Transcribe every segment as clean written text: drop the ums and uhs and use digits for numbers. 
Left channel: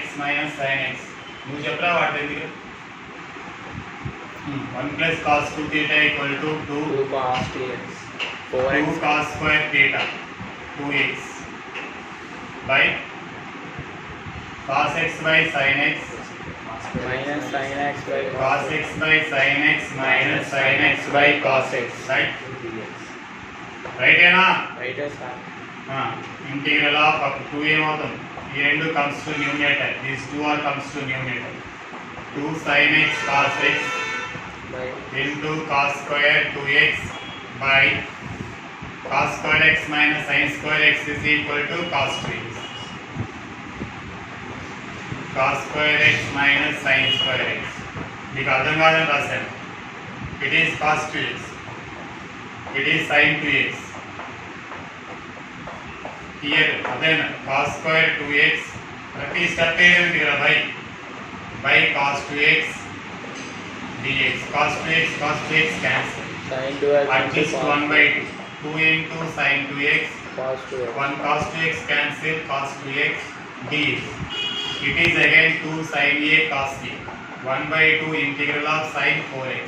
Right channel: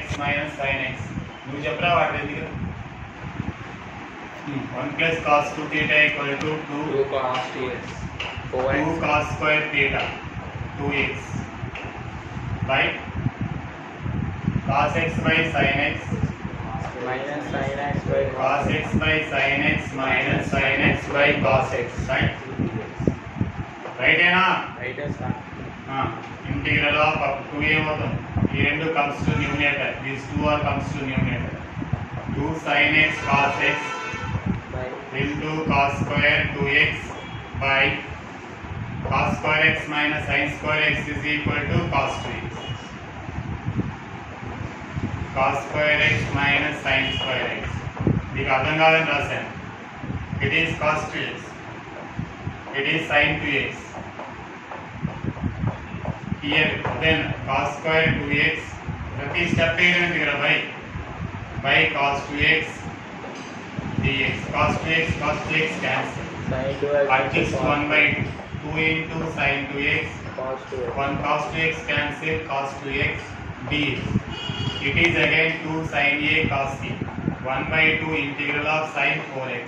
x minus sin x. నువ్వు చెప్పరా వాటి ఎందుకు 1 plus cos 2 theta equal to 2 cos 2x 2 cos square theta 2x by cos x by sin x minus sin x by cos x by sin x minus sin x by cos x, right? Right ఏనా? right sir. Integral of up to 2 ఏమవుతుంది? ఈ రెండు comes to numerator. These two are comes to numerator. 2 sin x cos x into cos square 2x by cos square x minus sin square x is equal to cos 2x. Cos square x minus sin square x. మీకు అర్థం కాదని రాశాను. It is cos 2x. It is sin 2x. Here then cos square 2x. ప్రతి step ఏంటి కదా by cos 2x dx. Cos 2x cancel. sin 2x Adjust 1 by 2 into sin 2x. cos 2x 1 cos 2x cancel cos 2x dx. It is again 2 sin a cos t. 1 by 2 integral of sin 4x.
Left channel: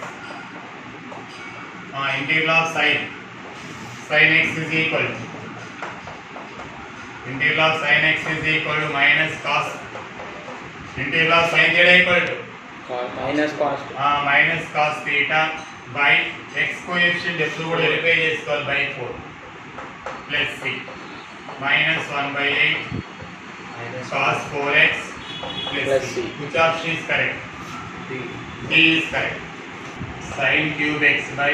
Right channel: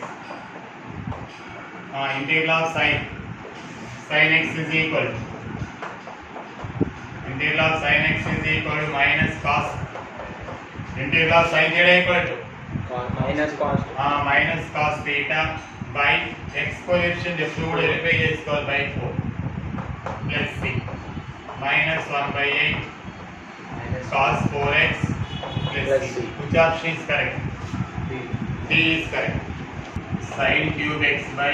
Integral of sin x is equal to integral of sin x is equal to minus cos integral of sin theta equal to minus cos theta by x coefficient ఎప్పుడు కూడా verify చేసుకోవాలి by 4 let's see minus 1 by 8 cos 4x plus c. Which option is correct? D is correct. Sin cube x by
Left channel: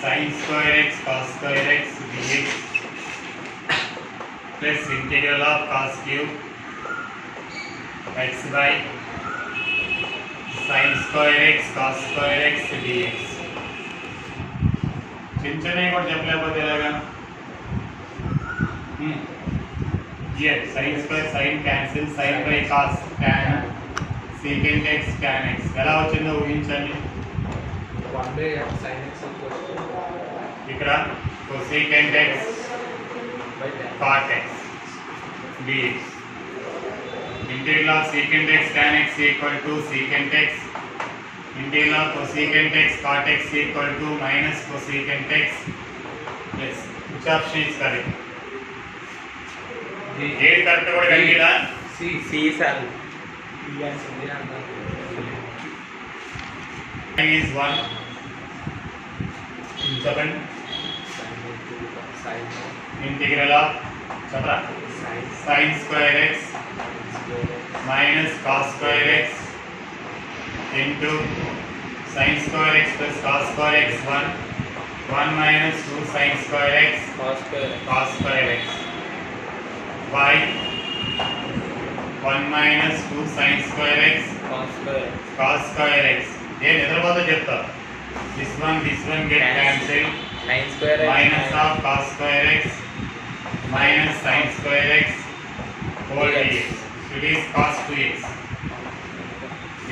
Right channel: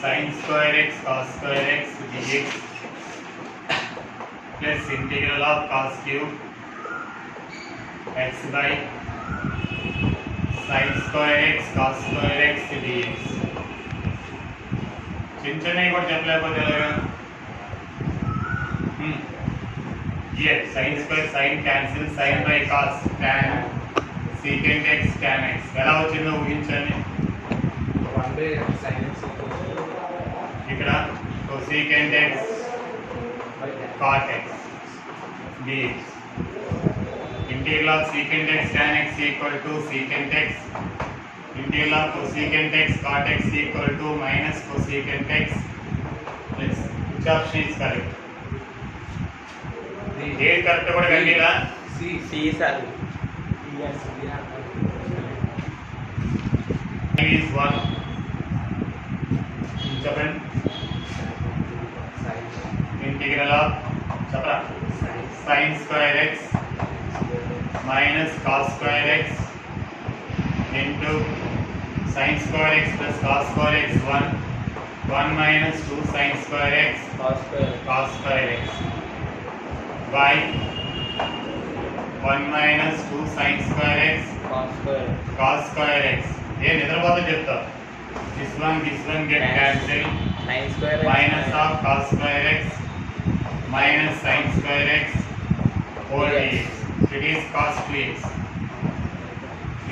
sin square x cos square x dx plus integral of cos cube x by sin square x cos square x dx. చిన్నవి కూడా చెప్పలేకపోతే ఎలాగా? Here sin square sin cancel sin by cos tan secant x tan x. ఎలా వచ్చిందో ఊహించండి. 1 by sin x ఇక్కడ cosecant x cot x dx. Integral of secant x tan x equal to secant x. Integral of cosecant x cot x equal to minus cosecant x. Yes. Which option is correct? ఏది correct కూడా కలిగిరా? c sir. is 1. చెప్పండి. Integral of sin square x minus cos square x into sin square x plus cos square x 1 minus 2 sin square x cos square x by 1 minus 2 sin square x cos square x. ఏ నిద్రపోతే చెప్తా. This one get cancelled. sin square Minus of cos square x minus sin square x whole dx. It is cos 2x.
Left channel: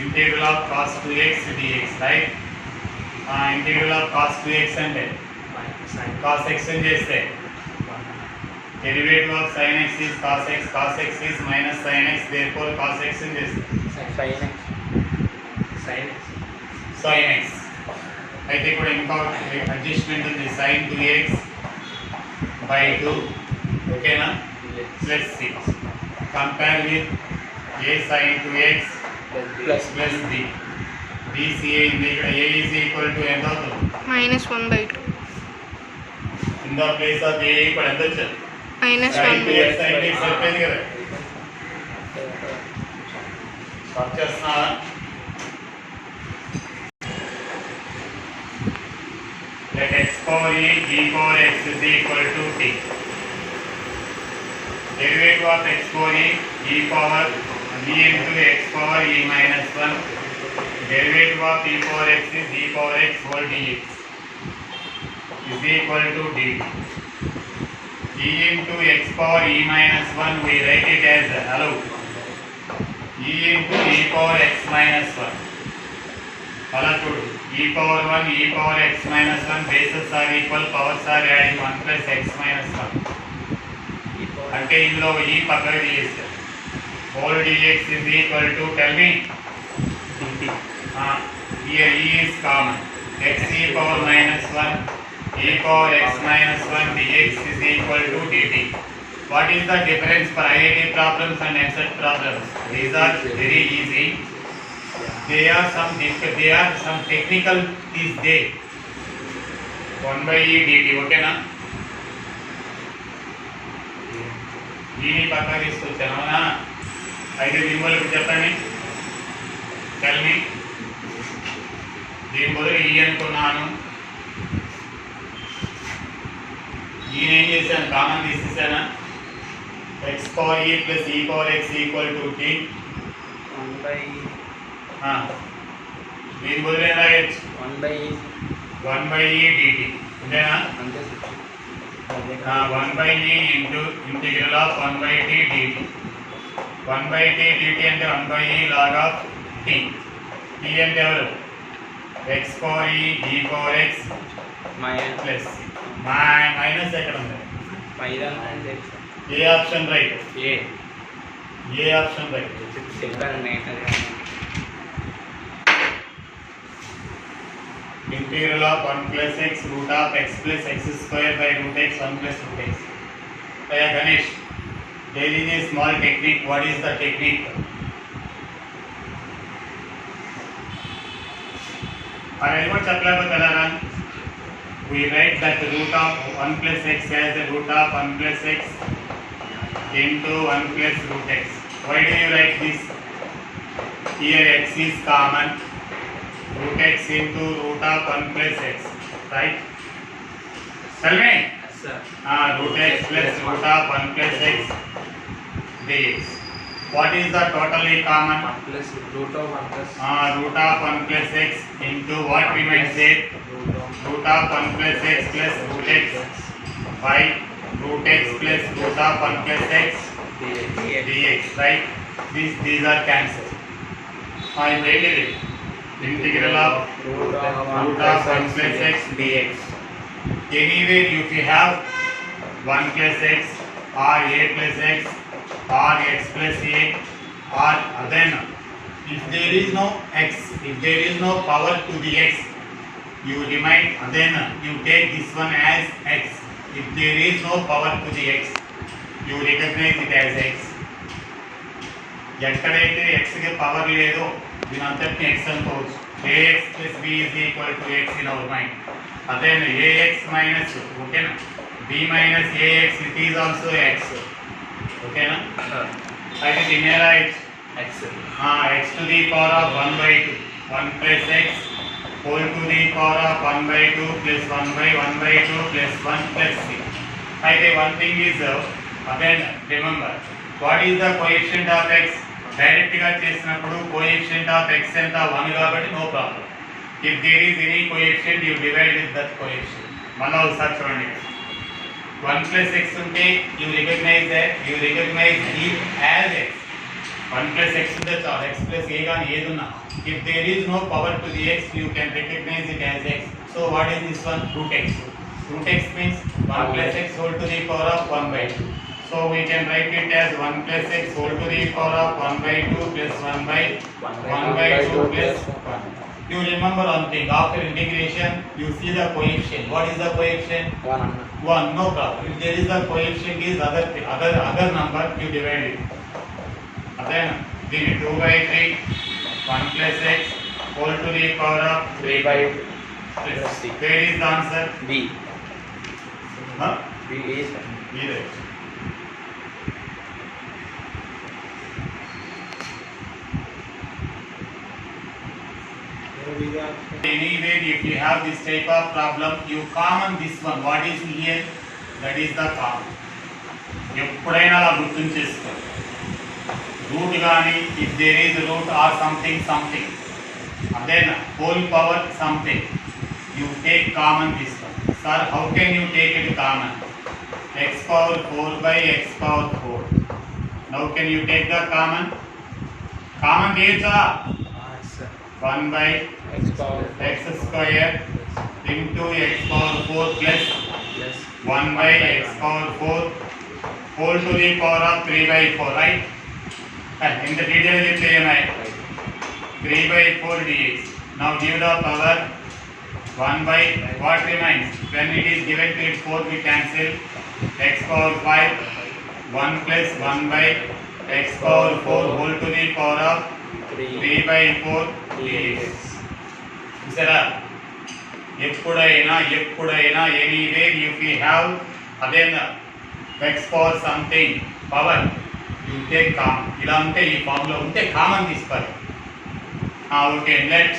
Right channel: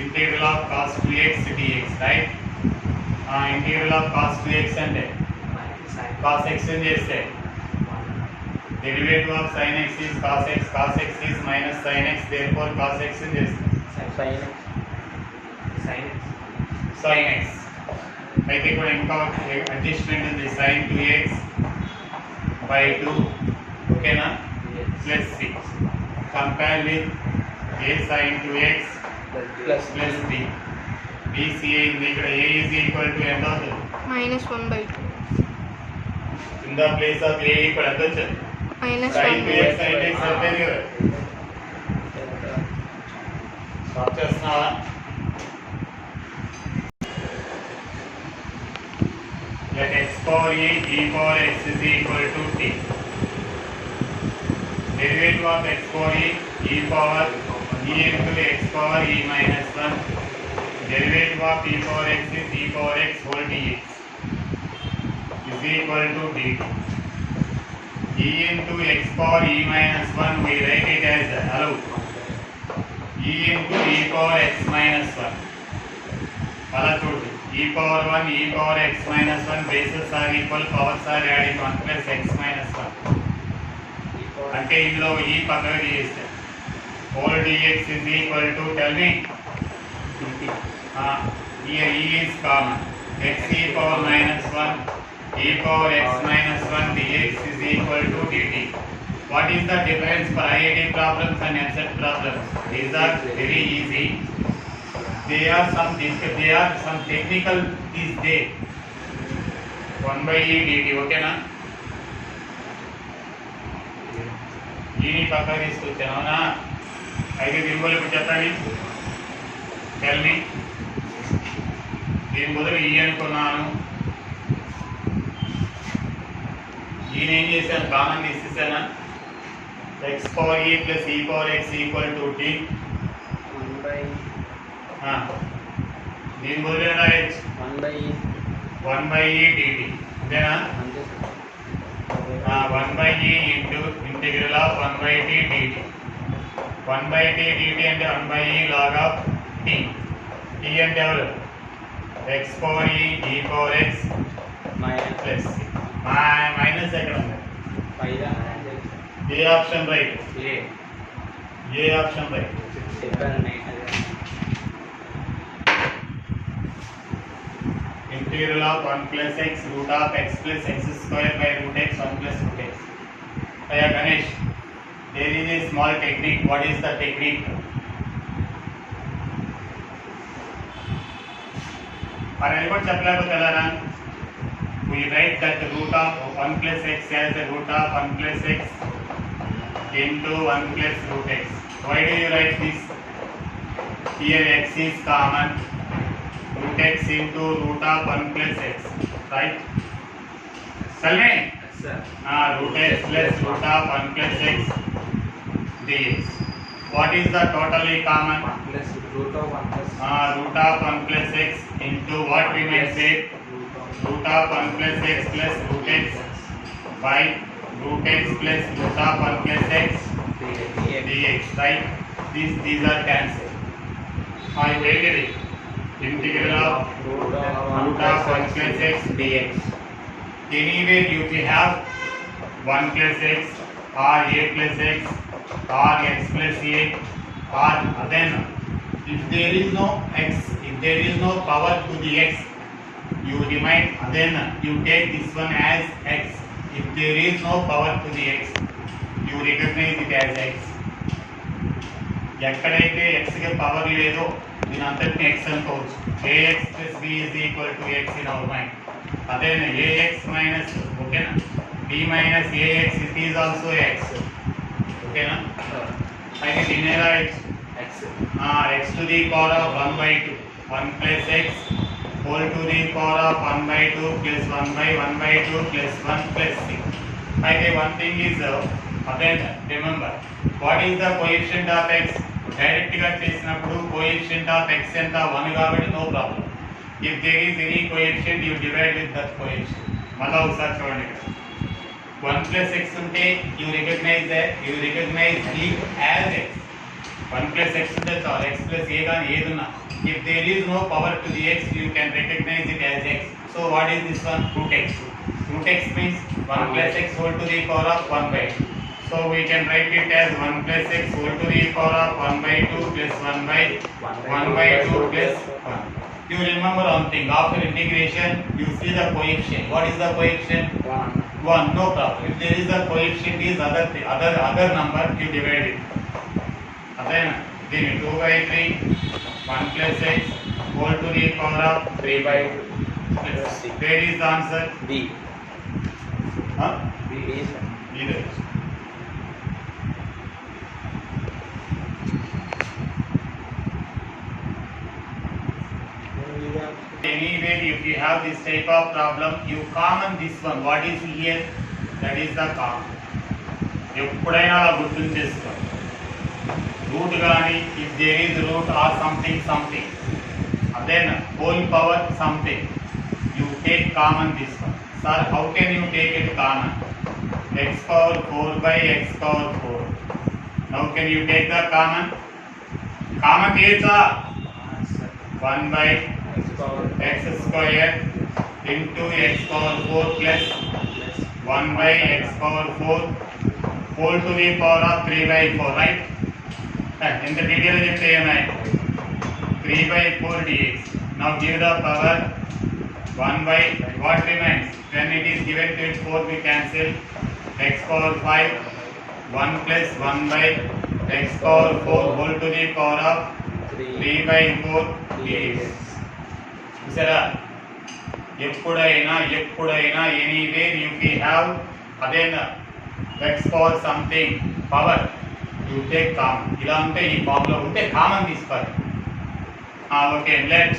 Integral of cos 2x dx, right? Integral of cos 2x అంటే cos x అని చేస్తే derivative of sin x is cos x is minus sin x, therefore cos x అని చేస్తే sin x. అయితే ఇప్పుడు ఇంకా adjustment ఉంది sin 2x by 2. ఓకేనా? Let's see. Compare with a sin 2x plus b. bca ఉంది. ఇక్కడ a is equal to ఎంత అవుతుంది? minus 1 by 2. In the place of a equal ఎంత వచ్చింది? minus sin 1 by 2x 2. sin 2x అయిపోయింది కదా. Stop చేస్తున్నావా? Let x power e power x is equal to t. Derivative of x power e power e into x power e minus 1. Derivative of e power x is e power x whole dx is equal to dt. E into x power e minus 1 we write it as hello. E into e power x minus 1. అలా చూడు. e power 1 e power x minus 1 bases are equal, powers are adding 1 plus x minus 1. అంటే ఇందులో ఈ పక్కన తీసేస్తారు. whole dx is equal to, tell me, here e is common, x e power minus 1 e power x minus 1 dx is equal to dt. What is the difference for IIT problems and EAMCET problems? These are very easy. They are some technical these days. 1 by e dt, okay na? దీని పక్క తీసుకొచ్చాను అవునా? అయితే విలువలు చెప్పండి, tell me. దీని బదులు ఈ అనుకున్నాను, దీని ఏం చేశాను, కామన్ తీసేసానా? X power e plus e power x equal to t. దీని బదులు ఏం రాయొచ్చు? 1 by e dt, అంతేనా? 1 by e into integral of 1 by t dt. 1 by t dt అంటే 1 by e log of t. t అంటే ఎవరు? x power e e power x plus c. Minus ఎక్కడ ఉంది? ఏ ఆప్షన్ రైట్? ఏ option right? integral of 1 plus x root of x plus x square by root x 1 plus root x. Aya Ganesh, there is a small technique. What is the technique? What chapla? We write that the root of 1 plus x as the root of 1 plus x into 1 plus root x. Why do you write this? Here x is common. Root x into root of 1 plus x, right? Tell me. Yes, sir. Root x plus root of 1 plus x dx. What is the totally common? 1 plus root of 1 plus Root of 1 plus x into what we might say? Root of 1 plus x plus root x by root x plus root of 1 plus x dx, right? These are cancelled. I made it. Integral of root of 1 plus x dx. Anywhere if you have 1 plus x or a plus x or x plus a, or then if there is no x, if there is no power to the x, you remind, then you take this one as x. If there is no power to the x, you recognize it as x. ఎక్కడైతే x కి power లేదో దీని అంతటిని x అనుకోవచ్చు. ax plus b is equal to x in our mind. అదే ax minus, ఓకేనా, b minus ax, it is also x, ఓకేనా? అయితే దీని ఎలా x x to the power of 1 by 2, 1 plus x whole to the power of 1 by 2 plus 1 by 1 by 2 plus 1 plus 6. అయితే one thing is, again remember, what is the coefficient of x? Direct గా చేసినప్పుడు coefficient of x ఎంత? 1 కాబట్టి no problem. If there is any coefficient you divide with that coefficient. మళ్ళీ ఒకసారి చూడండి, 1 plus x ఉంటే you recognise it as x. 1 plus x ఉంటే చాలు, x plus a గాని ఏదున్నా. If there is no power to the x, you can recognise it as x. So what is this one? root x. root x means 1 plus x whole to the power of 1 by 2. So we can write it as 1 plus x whole to the power of 1 by 2 plus 1 by 2 plus 1. You remember one thing, after integration you see the coefficient. What is the coefficient? 1. No problem. If there is the coefficient is other number, you divide it. Then 2 by 3, 1 plus x whole to the power of 3 by 2 plus 6. Where is the answer? B. B is either. Anyway, if you have this type of problem, you common this one. What is here? That is the common. ఎప్పుడైనా అలా గుర్తు చేసుకో. Route కానీ, if there is root or something, then whole power something, you take common this one. Sir, how can you take it common? X power 4 by x power 4. Now can you take the common? Common is 1 by x square into x power 4 plus 1 by x power 4 whole to the power of 3 by 4, right? ఇంత detail చెప్తే ఏమై 3 by 4 dx. Now give the power 1 by what remains? When it is given to it 4 we cancel x power 5 1 plus 1 by x power 4 whole to the power of 3 by 4 dx. చూసారా ఎప్పుడైనా anywhere if you have again x power something power you take common. ఇలా ఉంటే ఈ formula ఉంటే common తీసుకోవాలి. Okay let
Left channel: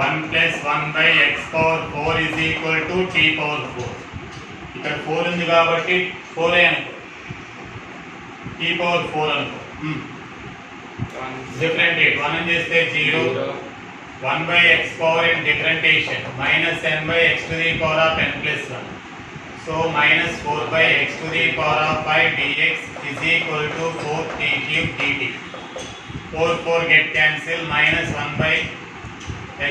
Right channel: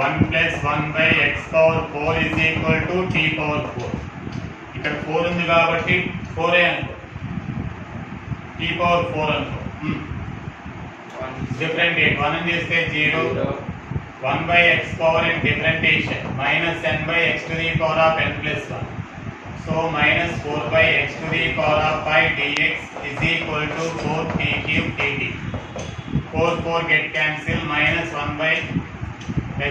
1 plus 1 by x power 4 is equal to t power 4. ఇక్కడ 4 ఉంది కాబట్టి 4 అనుకో, t power 4 అనుకో. డిఫరెంటియేట్ 1 అని చేస్తే 0 1 by x power in differentiation minus n by x to the power of n plus 1. So minus 4 by x to the power of 5 dx is equal to 4 t cube dt. 4 get cancel minus 1 by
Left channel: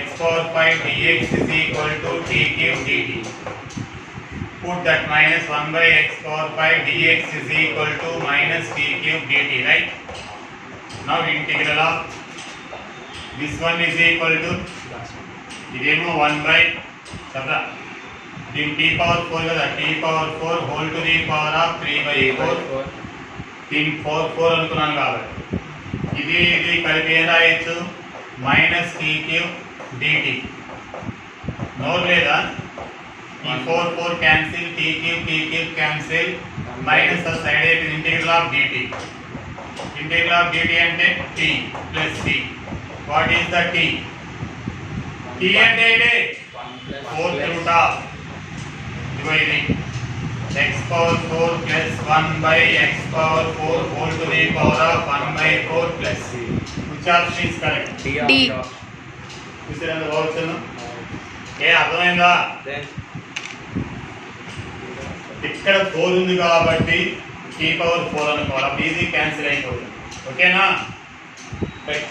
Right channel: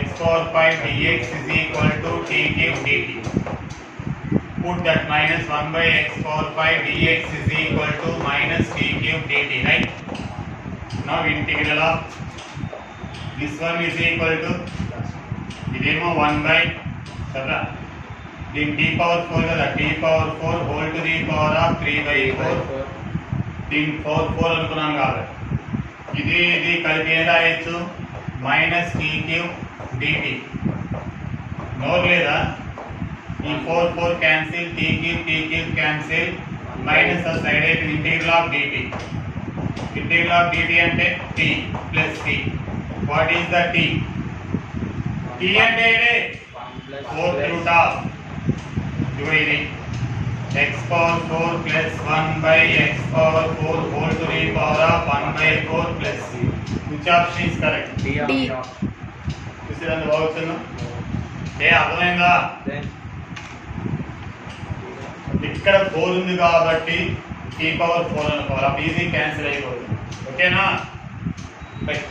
x power 5 dx is equal to t cube dt. Put that minus 1 by x power 5 dx is equal to minus t cube dt, right? Now integral of this one is equal to idemo 1 by sabra din t power 4 kada t power 4 whole to the power of 3 by 4 din 4 అనుకున్నాను కాబట్టి ఇది కలిపి ఏం రాయొచ్చు minus t cube dt. నోర్ లేదా ఈ 4 cancel t cube cancel minus side అయిపోయింది. Integral of dt అంటే t plus c. What is the t? t అంటే ఇదే 4th root of ఇది x power 4 plus 1 by x power 4 whole to the power of 1 by 4 plus c. Which option is correct? D. చూసారండి బాగుంది. అర్థమైందా? ఇక్కడ 4 ఉంది కాబట్టి t power 4 అనుకోవాలి. ఈజీ క్యాన్సిల్ అయిపోతుంది. ఓకేనా? రైట్.